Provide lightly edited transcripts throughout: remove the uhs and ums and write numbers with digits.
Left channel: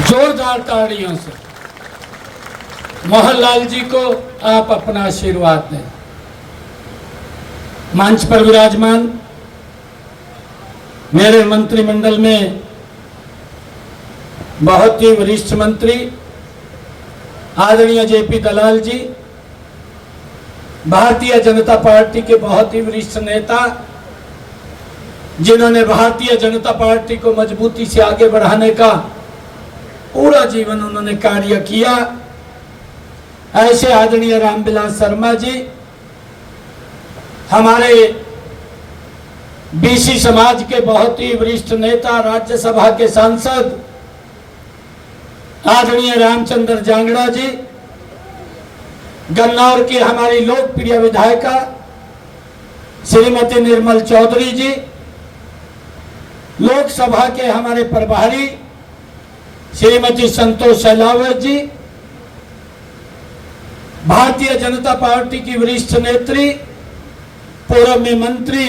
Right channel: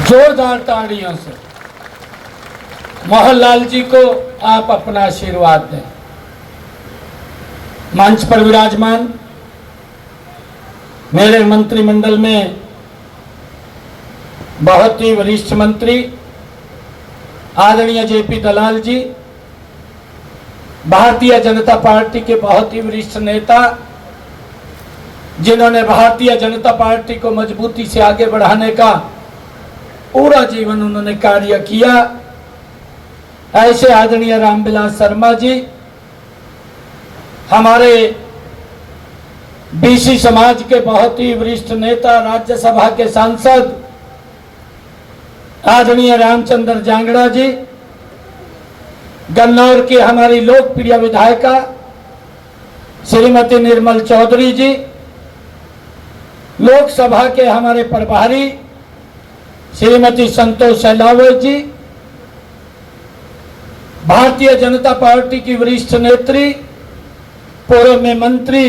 जोरदार ताड़ियों से मोहनलाल जी को आप अपना आशीर्वाद दें। मंच पर विराजमान मेरे मंत्रिमंडल में बहुत ही वरिष्ठ मंत्री आदरणीय जेपी दलाल जी, भारतीय जनता पार्टी के बहुत ही वरिष्ठ नेता जिन्होंने भारतीय जनता पार्टी को मजबूती से आगे बढ़ाने का पूरा जीवन उन्होंने कार्य किया, ऐसे आदरणीय रामविलास शर्मा जी, हमारे बीसी समाज के बहुत ही वरिष्ठ नेता, राज्यसभा के सांसद आदरणीय रामचंद्र जांगड़ा जी, गन्नौर की हमारी लोकप्रिय विधायिका श्रीमती निर्मल चौधरी जी, लोकसभा के हमारे प्रभारी श्रीमती संतोष अहलावत जी, भारतीय जनता पार्टी की वरिष्ठ नेत्री पूर्व में मंत्री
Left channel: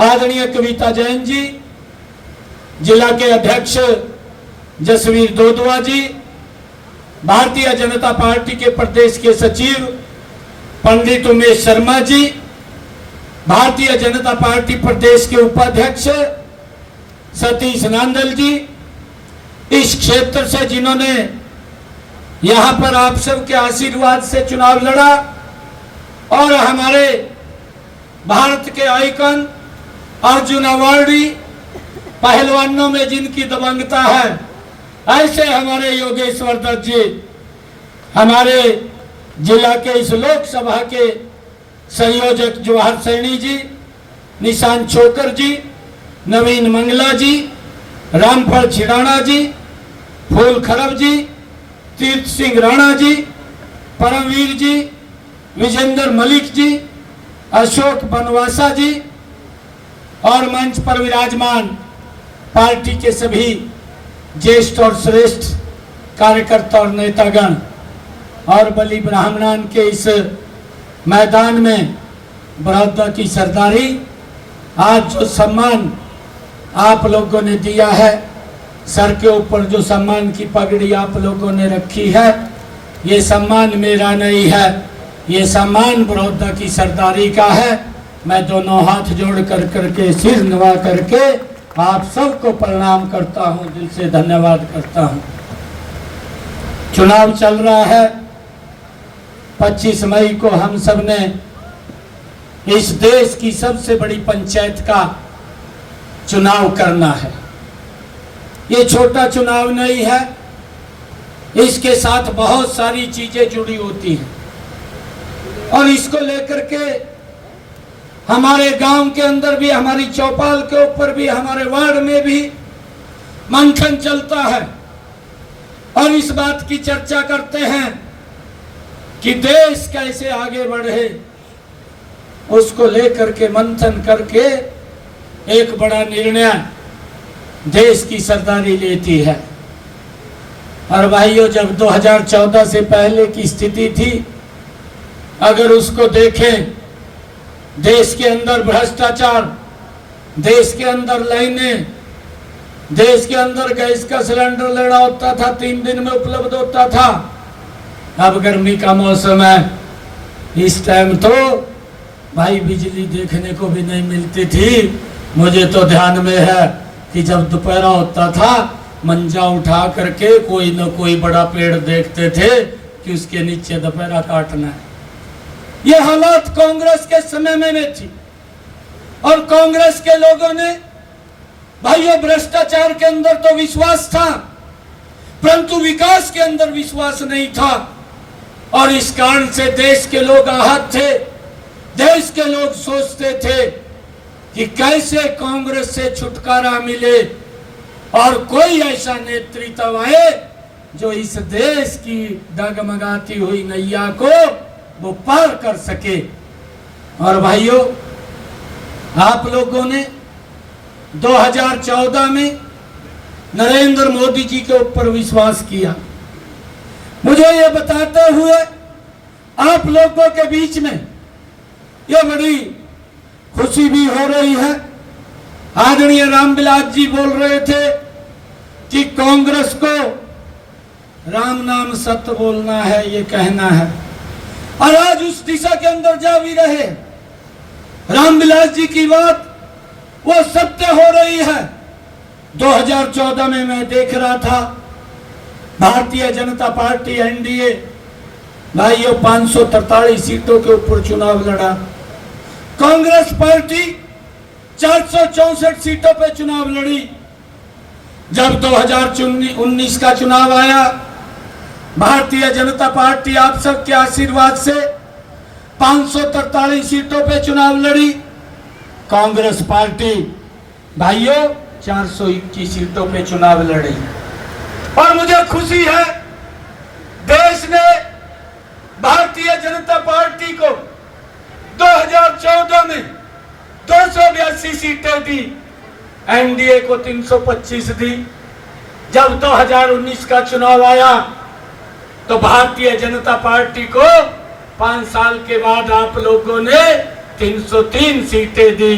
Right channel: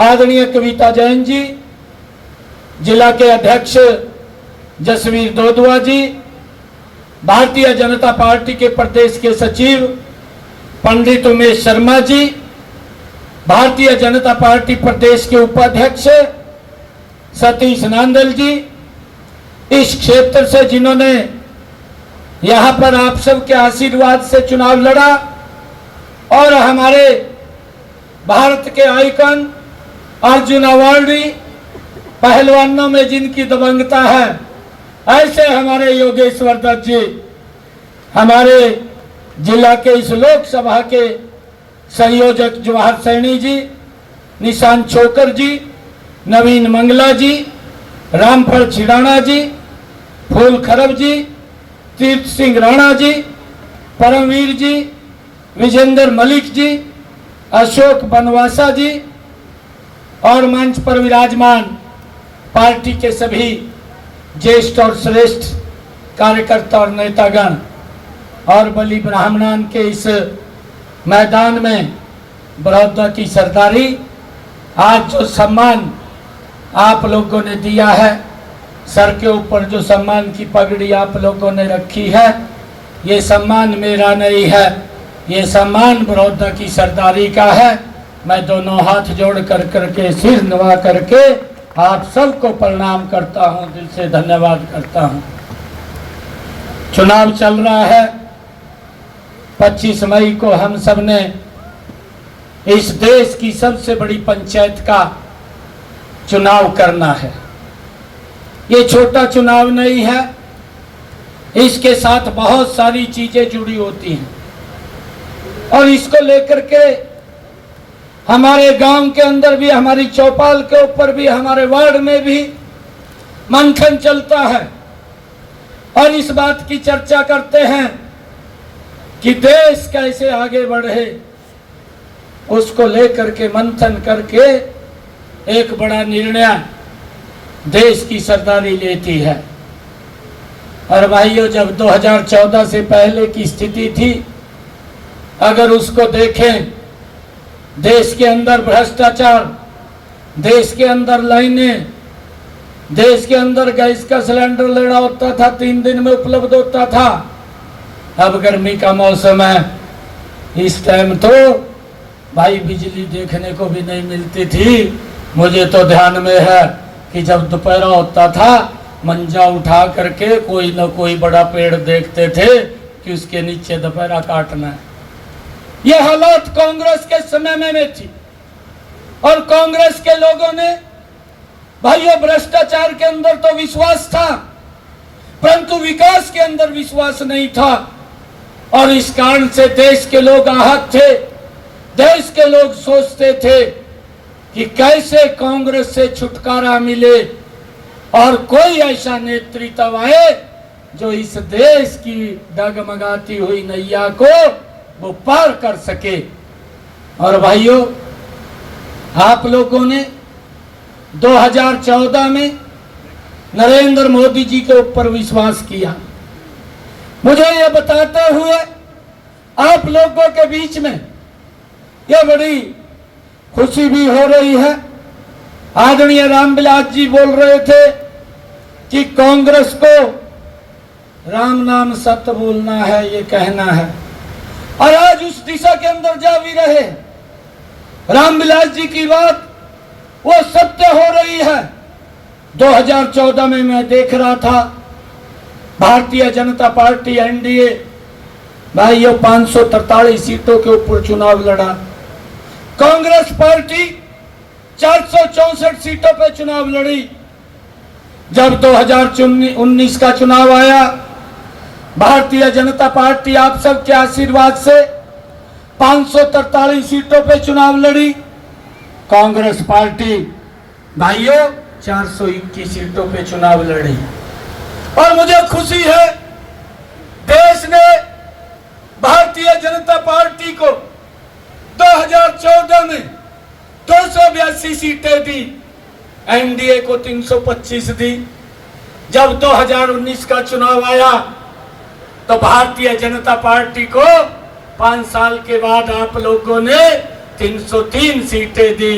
आदरणीय कविता जैन जी, जिला के अध्यक्ष जसवीर दोदुआ जी, भारतीय जनता पार्टी के प्रदेश के सचिव पंडित उमेश शर्मा जी, भारतीय जनता पार्टी प्रदेश के उपाध्यक्ष सतीश नांदल जी, इस क्षेत्र से जिन्होंने यहां पर आप सबके आशीर्वाद से चुनाव लड़ा और हमारे भारत के आइकन अर्जुन अवार्डी पहलवानों में जिनकी दबंगता है, ऐसे हमारे योगेश्वर दत्त जी, हमारे जिला के इस लोकसभा के संयोजक जवाहर सैनी जी, निशांत छोकर जी, नवीन मंगला जी, रामफल छिड़ाना जी, फूल खरब जी, तीर्थ सिंह राणा जी, परमवीर जी, विजेंद्र मलिक जी, अशोक बनवासा जी और मंच पर विराजमान पार्टी के सभी ज्येष्ठ और श्रेष्ठ कार्यकर्ता और नेतागण और बलि ब्राह्मणान के इस मैदान में बड़ौदा की सरदारी, आज जो सम्मान आप लोगों ने दिया है, सर के ऊपर जो सम्मान की पगड़ी आप लोगों ने रखी है, ये सम्मान मेरा नहीं है, ये सम्मान बड़ौदा की सरदारी का है। मैं दोनों हाथ जोड़ कर करके सिर नवा करके आप सबको प्रणाम करता हूं, दिल से धन्यवाद करता हूं। चुनाव चल रहा है, 25 मई को हम सब ने इस देश की सबसे बड़ी पंचायत का चुनाव करना है। ये छोटा चुनाव नहीं है, इसके साथ बहुत सारी चीजें जुड़ी होती हैं और इसको लेकर के हमारे गांव के अंदर भी, हमारी चौपाल के ऊपर भी, हमारे वार्ड में भी मंथन चलता है और इस बात की चर्चा करते हैं कि देश कैसे आगे बढ़े, उसको लेकर के मंथन करके एक बड़ा निर्णय देश की सरदारी लेती है। और भाइयों, जब 2014 से पहले की स्थिति थी, अगर उसको देखें, देश के अंदर भ्रष्टाचार, देश के अंदर लाइनें, देश के अंदर गैस का सिलेंडर लेना होता था 3 दिन में उपलब्ध होता था। अब गर्मी का मौसम है, इस टाइम तो भाई बिजली देखने को भी नहीं मिलती थी। मुझे तो ध्यान में है कि जब दोपहर होता था, मंजा उठा करके कोई न कोई बड़ा पेड़ देखते थे कि उसके नीचे दोपहर काटना है। ये हालात कांग्रेस के समय में थी और कांग्रेस के लोगों ने, भाइयों, भ्रष्टाचार के अंदर तो विश्वास था, परंतु विकास के अंदर विश्वास नहीं था और इस कारण से देश के लोग आहत थे। देश के लोग सोचते थे कि कैसे कांग्रेस से छुटकारा मिले और कोई ऐसा नेतृत्व आए जो इस देश की डगमगाती हुई नैया को वो पार कर सके। और भाइयों, आप लोगों ने 2014 में नरेंद्र मोदी जी के ऊपर विश्वास किया। मुझे ये बताते हुए आप लोगों के बीच में ये बड़ी खुशी भी हो रही है। आदरणीय रामविलास जी बोल रहे थे कि कांग्रेस को राम नाम सत्य बोलना है, ये कहना है, और आज उस दिशा के अंदर जा भी रहे। रामविलास जी की बात वो सत्य हो रही है। 2014 में मैं देख रहा था, भारतीय जनता पार्टी एनडीए भाइयों 543 सीटों के ऊपर चुनाव लड़ा। कांग्रेस पार्टी 464 सीटों पे चुनाव लड़ी। जब 2019 का चुनाव आया, भारतीय जनता पार्टी आप सबके आशीर्वाद से 543 सीटों पे चुनाव लड़ी। कांग्रेस पार्टी भाइयों 421 सीटों पे चुनाव लड़ी। और मुझे खुशी है, देश ने भारतीय जनता पार्टी को 2014 में 282 सीटें दी, एनडीए को 325 दी। जब 2019 का चुनाव आया तो भारतीय जनता पार्टी को 5 साल के बाद आप लोगों ने 303 सीटें दी।